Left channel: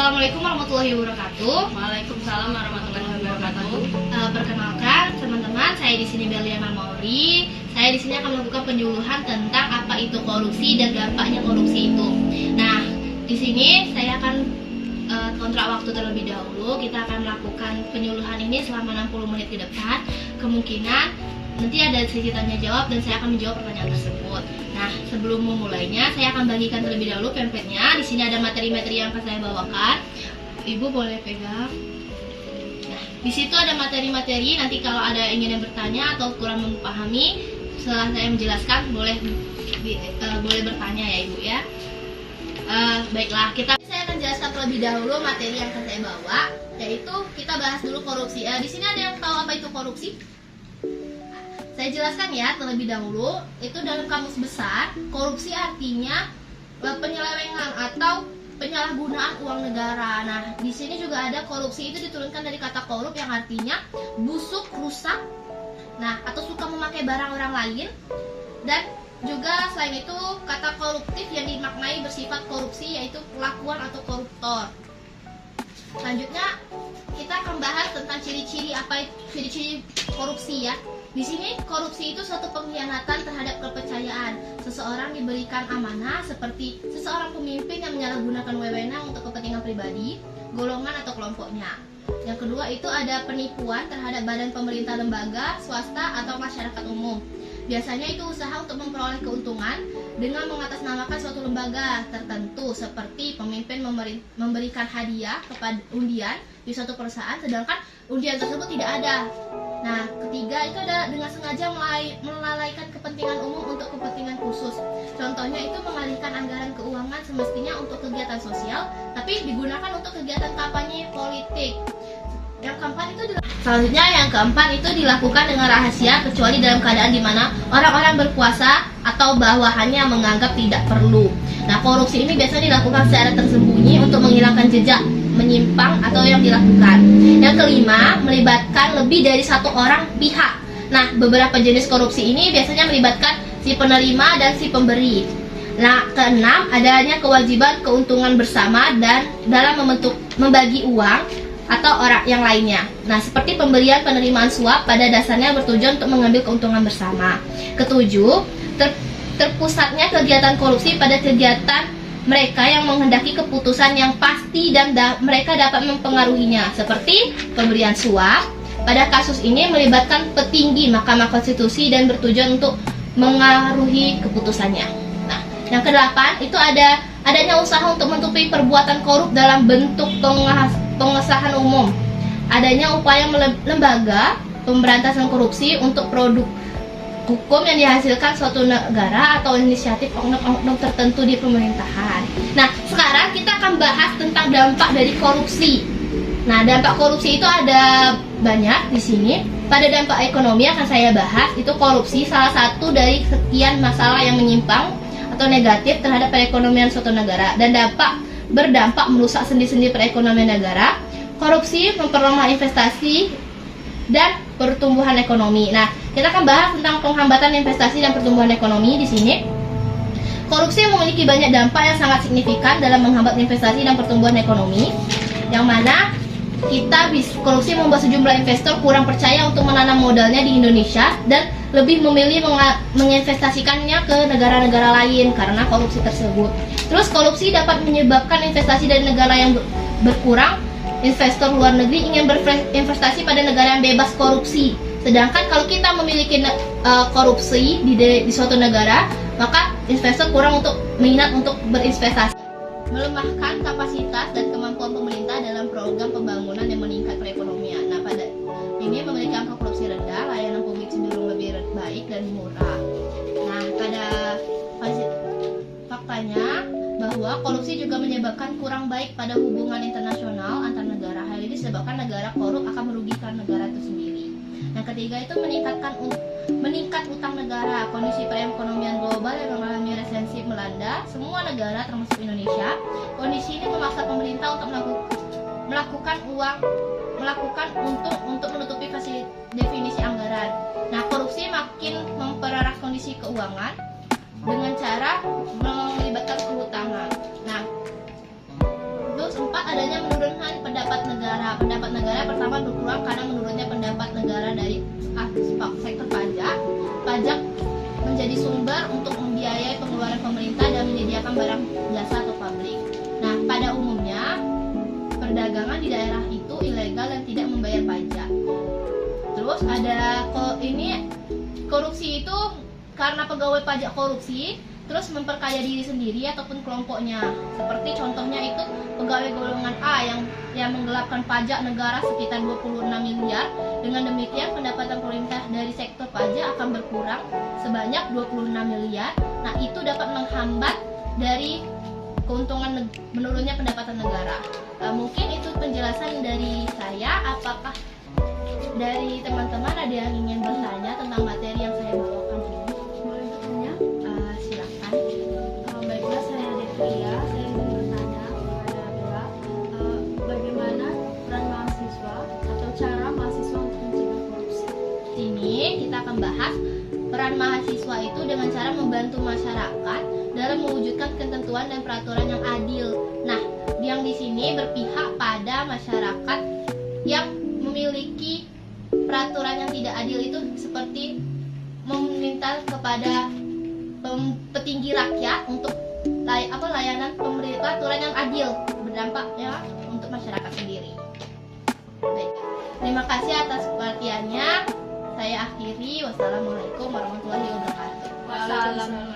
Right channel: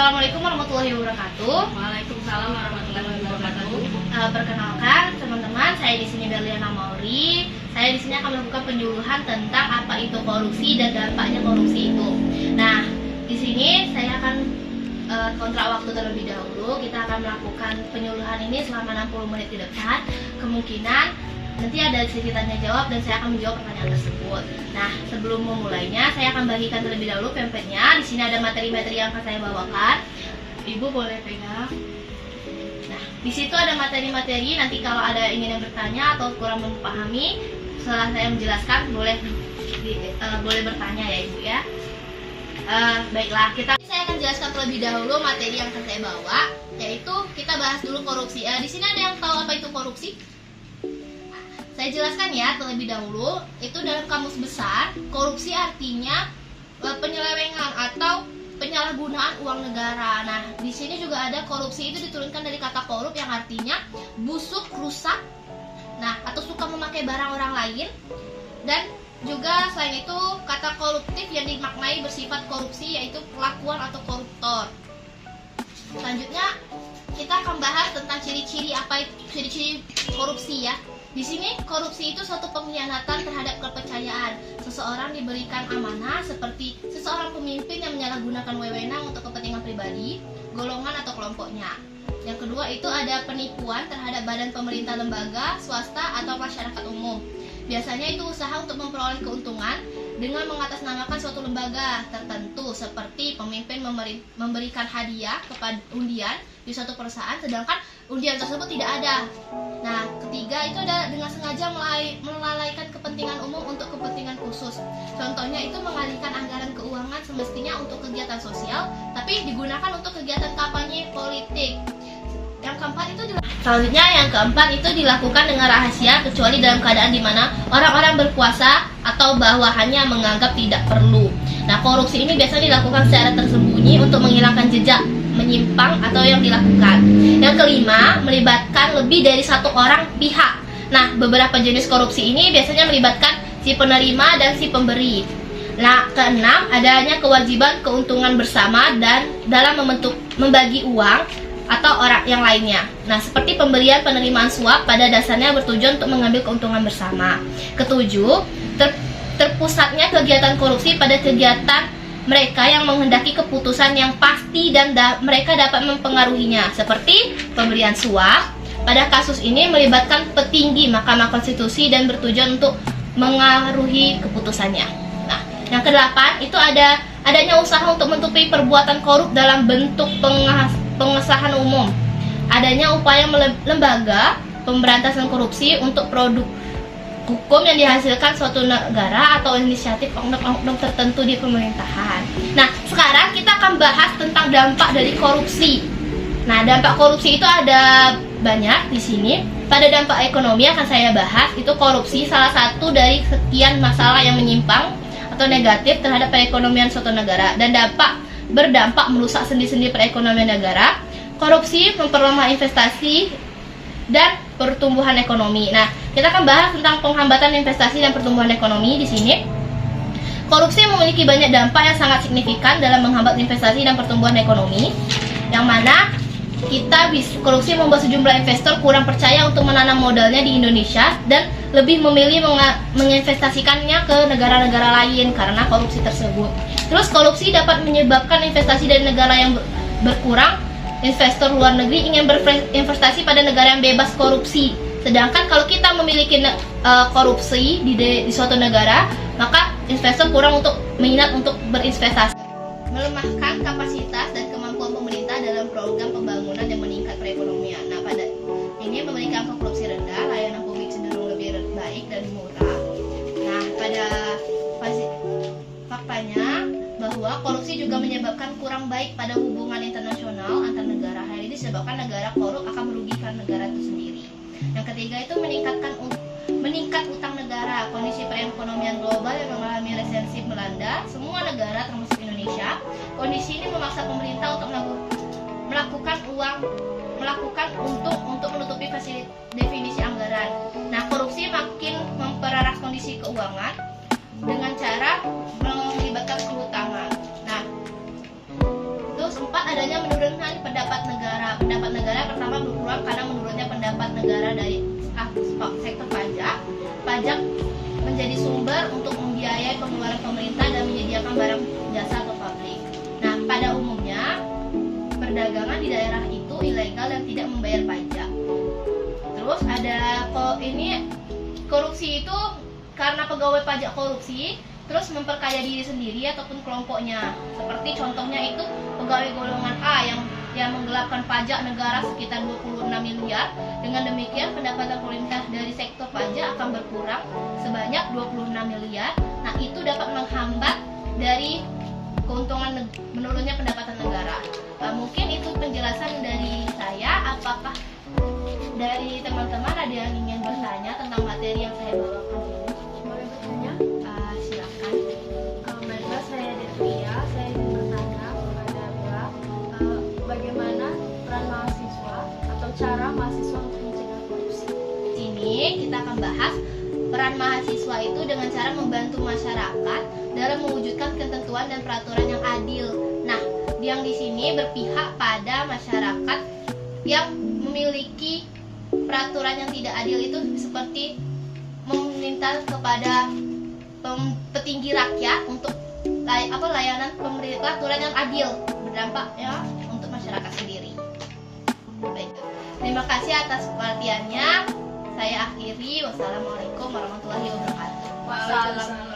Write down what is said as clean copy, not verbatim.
Assalamualaikum warahmatullahi wabarakatuh. Waalaikumsalam warahmatullahi wabarakatuh. Perkenalkan teman-teman, saya di sini Berliana Mauri. Saya di sini akan melakukan penyuluhan tentang apa itu korupsi dan dampaknya korupsi itu. Nah, di sini saya akan kontrak waktu terlebih dahulu. Kita akan melakukan penyuluhan ini selama 60 menit ke depan. Kemungkinan nanti ada sesi tanya jawab dan saya akan menjawab pertanyaan tersebut. Nah, sebelum memulainya, saya akan bagikan terlebih dahulu pamfletnya. Di sini ada materi-materi yang akan saya bawakan. Ibu boleh pegang. Nah, di situ ada materi-materi. Nanti kalau ada ingin yang bertanya atau kurang memahami, setelah saya menjelaskan boleh bertanya ya Ibu ya. Baiklah, saya akan jelaskan terlebih dahulu materi yang akan saya bawa, yaitu kita bahas dulu korupsi. Di sini ada yang tahu apa itu korupsi? Saya jelaskan ya terlebih dahulu. Itu dalam kamus besar, korupsi artinya penyelewengan atau penyalahgunaan uang negara. Nah, di sini juga ada korupsi itu diturunkan dari kata korup yang artinya busuk, rusak, nah atau suka memakai barang orang lain. Dan juga selain itu kata koruptif yang dimaknai bersifat korupsi, yaitu perlakuan atau koruptor. Selanjutnya kita akan bahas tentang ciri-ciri ciri-ciri korupsi ya. Di sini korupsi itu suatu pengkhianatan terhadap kepercayaan. Seseorang diberikan amanah seperti seseorang pemimpin yang menyalahgunakan wewenang untuk kepentingan pribadi, golongan atau kelompoknya. Yang kedua itu ada penipuan terhadap badan pemerintah, lembaga, swasta atau masyarakat umum. Biasanya itu usaha untuk memperoleh keuntungan dengan mengatasnamakan suatu lembaga tertentu, seperti pemimpin memberikan hadiah kepada undian di suatu perusahaan sedangkan undian tersebut tidak ada. Nah, ketiga itu ada dengan sengaja melalaikan kepentingan umum untuk kepentingan khusus. Contohnya itu mengalihkan anggaran keuangan semestinya untuk kegiatan sosial, tapi digunakan untuk kegiatan kampanye politik. Yang keempat itu dilakukan dengan rahasia kecuali dalam keadaan di mana orang-orang berkuasa atau bawahannya menganggap tidak perlu. Nah, korupsi ini biasanya dilakukan secara tersembunyi untuk menghilangkan jejak menyimpang atau yang dilakukan. Yang kelima, melibatkan lebih dari satu orang pihak. Nah, beberapa jenis korupsi ini biasanya melibatkan si penerima dan si pemberi. Nah, keenam, adanya kewajiban keuntungan bersama dan dalam membagi uang atau orang yang lainnya. Nah, seperti pemberian penerimaan suap pada dasarnya bertujuan untuk mengambil keuntungan bersama. Ketujuh, terpusatnya kegiatan korupsi pada kegiatan mereka yang menghendaki keputusan yang pasti dan mereka dapat mempengaruhinya, seperti pemberian suap. Pada kasus ini melibatkan petinggi Mahkamah Konstitusi dan bertujuan untuk mengaruhi keputusannya. Nah, yang kedelapan itu adanya usaha untuk menutupi perbuatan korup dalam bentuk pengesahan umum. Adanya upaya lembaga pemberantasan korupsi untuk produk hukum yang dihasilkan suatu negara atau inisiatif oknum tertentu di pemerintahan. Nah, sekarang kita akan bahas tentang dampak dari korupsi. Nah, dampak korupsi itu ada banyak di sini. Pada dampak ekonomi akan saya bahas, itu korupsi salah satu dari sekian masalah yang menyimpang atau negatif terhadap perekonomian suatu negara dan berdampak merusak sendi-sendi perekonomian negara. Korupsi memperlemah investasi dan pertumbuhan ekonomi. Nah, kita akan bahas tentang penghambatan investasi dan pertumbuhan ekonomi di sini. Korupsi memiliki banyak dampak yang sangat signifikan dalam menghambat investasi dan pertumbuhan ekonomi. Yang mana korupsi membuat sejumlah investor kurang percaya untuk menanam modalnya di Indonesia dan lebih memilih menginvestasikannya ke negara-negara lain karena korupsi tersebut. Terus korupsi dapat menyebabkan investasi dari negara yang berkurang. Investor luar negeri ingin berinvestasi pada negara yang bebas korupsi. Sedangkan kalau kita memiliki korupsi di suatu negara, maka investor kurang minat untuk berinvestasi. Melemahkan kapasitas dan kemampuan pemerintah dalam program pembangunan yang meningkat perekonomian. Nah, pada ini memberikan korupsi rendah, layanan publik cenderung lebih baik dan murah. Nah, faktanya bahwa korupsi juga menyebabkan kurang baik pada hubungan internasional antar negara. Hal ini disebabkan negara korup akan merugikan negara itu sendiri. Yang ketiga itu meningkat utang negara. Kondisi perekonomian global yang mengalami resesi melanda semua negara termasuk Indonesia. Kondisi ini memaksa pemerintah untuk melakukan untuk menutupi definisi anggaran. Nah, korupsi makin mempererat kondisi keuangan dengan cara melibatkan kehutangan. Nah, terus 4, adanya menjadi sumber untuk membiayai pengeluaran pemerintah dan menyediakan barang jasa atau pabrik. Nah, pada umumnya perdagangan di daerah itu ilegal dan tidak membayar pajak. Terus ada korupsi itu karena pegawai pajak korupsi terus memperkaya diri sendiri ataupun kelompoknya. Seperti contohnya itu pegawai golongan A yang menggelapkan pajak negara sekitar 26 miliar. Dengan demikian pendapatan pemerintah dari sektor pajak akan berkurang sebanyak 26 miliar. Nah, itu dapat menghambat dari keuntungan menurunnya pendapatan negara. Nah, mungkin itu penjelasan dari saya. Apakah dari teman-teman ada yang ingin bertanya tentang materi yang saya bawakan ini? Boleh bertanya? Silakan. Baiklah, saya Devia. Saya ingin bertanya kepada Anda, bagaimana peran mahasiswa atau cara mahasiswa untuk mencegah korupsi? Sini kita akan bahas peran mahasiswa itu dengan cara membantu masyarakat dalam mewujudkan ketentuan dan peraturan yang adil. Nah, yang di sini berpihak pada masyarakat yang memiliki peraturan yang tidak adil itu, seperti meminta kepada petinggi rakyat untuk layanan peraturan yang adil berdampak ya untuk masyarakat sendiri. Baik. Terima kasih atas perhatiannya. Saya akhiri. Wassalamualaikum warahmatullahi wabarakatuh. Waalaikumsalam.